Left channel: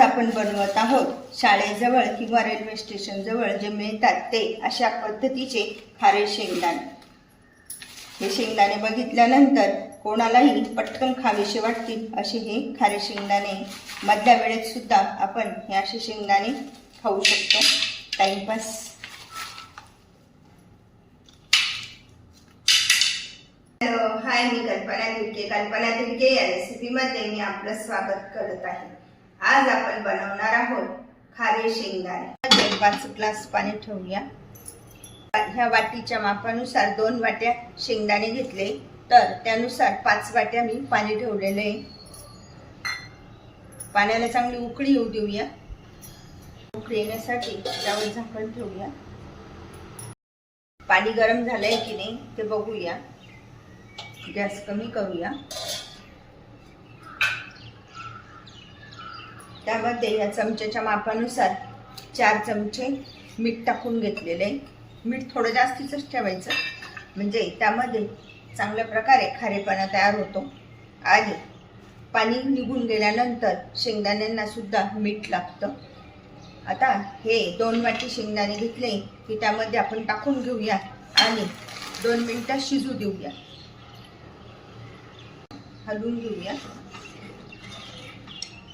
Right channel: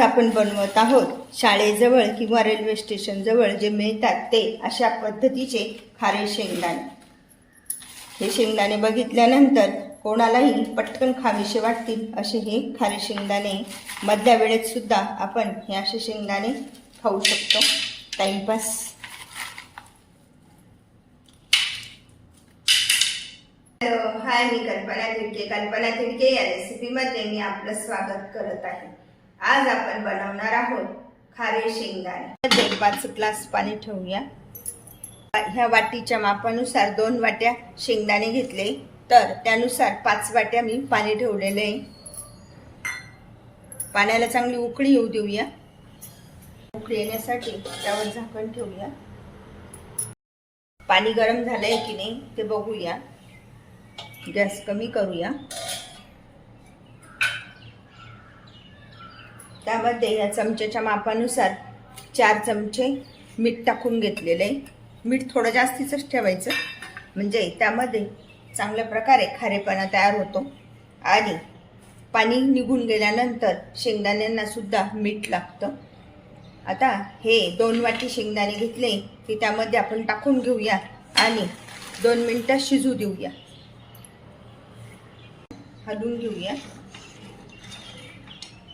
आज आपण बनवत आहोत शाळेजवळ किंवा रेल्वे स्टेशनजवळ जे मिळतात ते अशा पद्धतीचे खारे शेंगदाणे. हे शेंगदाणे बघितल्यानंतर कोणालाही पटकन खावेसे वाटतील असे हे खारे शेंगदाणे. मधल्या वेळेत सुद्धा आपण हे असे शेंगदाणे खाऊ शकतो. टाईमपास हॅलो हाय मी कल्पना तिडके. कल्पना तिडके या रेसिपीमध्ये मी आपलं स्वागत करत आहे. आज आपण बनवणार आहोत खारे शेंगदाणे. दोन पाच ग्लास पाणी ठेवूया. ह्या वाटीच्या मापानुसार दोन वाट्या शेंगदाणे घेतले. तर त्यानुसार पाच वाट्या मी पाणी ठेवलेले आहे. पाण्याला चांगली उकळी येऊ देऊया. उकळी येण्यासाठी त्यावर झाकण ठेवूया. पाणी गरम झालंय की नाही ते बघूया. गॅस कमी करूया. त्यामध्ये या चमच्याच्या मापानुसार चार चमचे मीठ टाकून घेतलेले. आहे. मीठ थोडं जास्तीच ठेवायचं. म्हणजे त्यामध्ये चांगल्या प्रकारे खारेपणा तयार होतो. आणि पाणी निघून गेल्यानंतर शेंगदाण्यांना सुद्धा मीठ लागतं. आता हे दोन वाटी शेंगदाणे घेतले की त्यामध्ये आपण टाकून घेऊया आणि दोन मिनटं शिजू देऊया. हलवून घेऊया.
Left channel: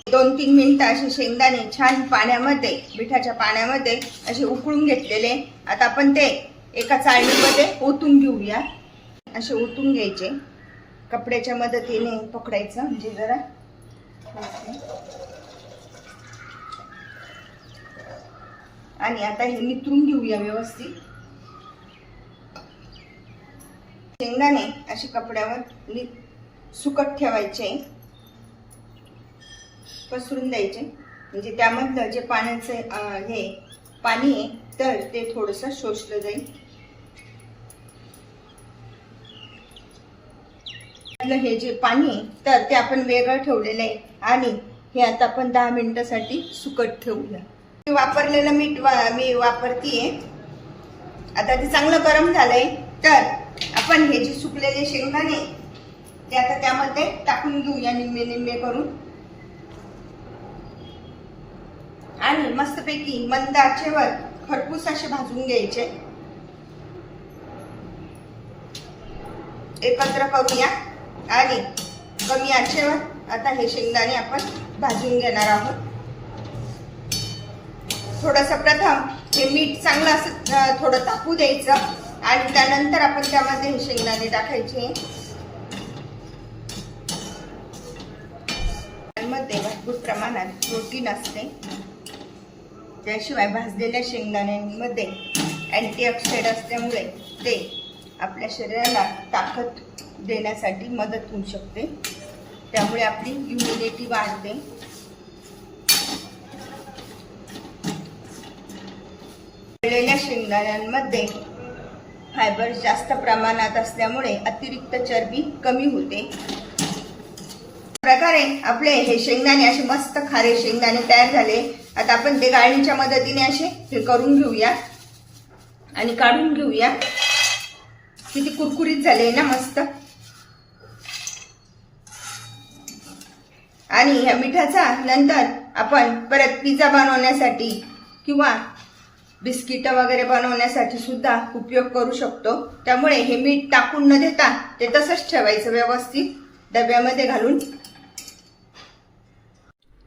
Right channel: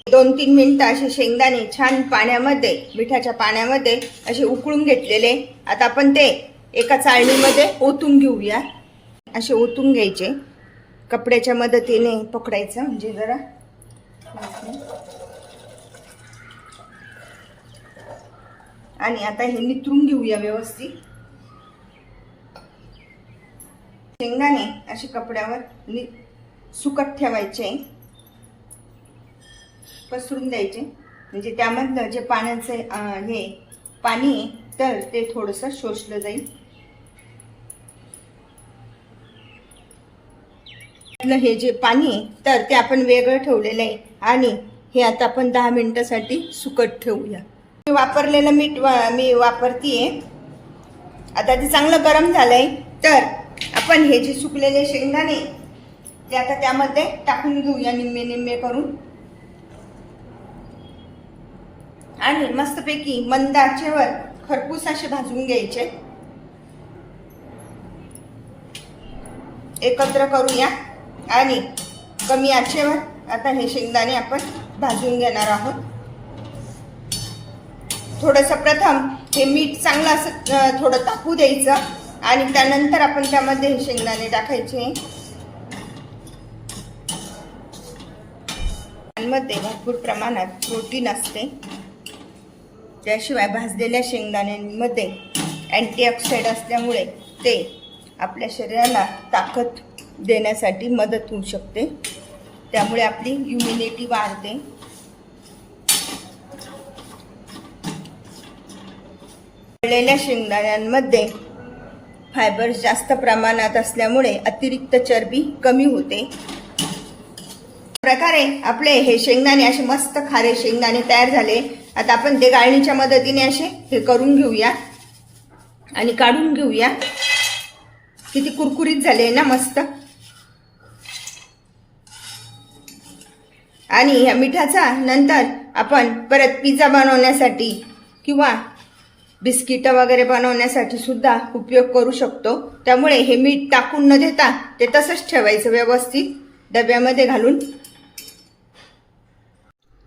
दोन तीन मिनटं असे शेंगदाणे छान पाण्यामध्ये मिठाच्या पाण्यामध्ये असे उकळून घेतलेले. आता आपण ते एका चाळणीमध्ये ओतून घेऊया. असे ओतून घ्यायचे. कपड्याच्या मदतीने पकडायचं म्हणजे जरा. आणि आता हे निथरून घेऊया व्यवस्थित. शेंगदाणे असे कपड्यावर नि सुकट ठेवायचे. पसरून द्यायचे. म्हणजे त्यामधलं जे पाण्याचं हे पाणी आहे तर ते थोडंसं शोषलं जाईल. हे जे पाणी आहे तर ते आपण वेगळं ठेवलेलं आहे. आणि हे आता आपण दहा मिनिटासाठी सुकट ठेवूया. मी वापरलेलं मीठ वा- मी वापरतीये. आता ते चांगलं गरम झालंय तर आपण हे जे सुकलेले शेंगदाणे ते आता त्यामध्ये टाकून घेऊया निम्मे निम्मे करून. आणि मस्तपैकी मंद आचेवर खरपूस असे भाजून घ्यायचे. एकत्र करूया. आणि कमी आचेवर आता हे शेंगदाणे आपण भाजून घेणार आहोत. थोडस प्रथम हे मीठ चांगलं असं थोडं तापू द्यायचं. आणि त्यानंतर आपण त्यामध्ये हे शेंगदाणे टाकायचे. मध्ये भरपूर प्रमाणात प्रोटीन असते. त्याशिवाय भाजलेल्या शेंगदाण्यांमध्ये अँटीऑक्सिडंट असल्यामुळे ते आपल्या शरीराला ताकद देण्यासाठी मदत होऊ शकते. त्यामुळे आपली इम्युनिटी वाढते. तळलेल्या शेंगदाण्यांमध्ये फायबर जास्त प्रमाणात असल्यामुळे अतिरिक्त चरबी कमी होते. प्रकारे आपले हे शेंगदाणे असे मस्त खारे शेंगदाणे तयार झाले. आता आपण ते गाळणीच्या मदतीने असे हे करून घेऊया. आणि काढून घेऊया. किती कुरकुरीत झाले ना मस्त. आणि ह्या मिठाचा नंतर आपण परत पिझ्झा बनवण्यासाठी किंवा बिस्किटं वगैरे बनवण्यासाठी सुद्धा उपयोग करू शकतो. त्यामुळे हे मीठ टाकून न देता ते तसंच ठेवायचं व्यवस्थित डब्यामध्ये घालून.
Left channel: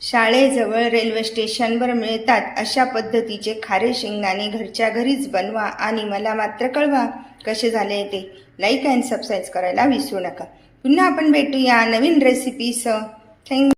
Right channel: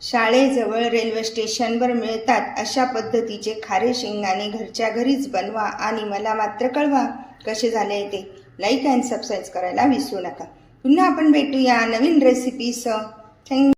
शाळेजवळ रेल्वे स्टेशनवर मिळतात अशा पद्धतीचे खारे शेंगदाणे घरच्या घरीच बनवा आणि मला मात्र कळवा कसे झाले ते. लाईक अँड सबस्क्राईब करायला विसरू नका. पुन्हा आपण भेटूया नवीन रेसिपीसह थँक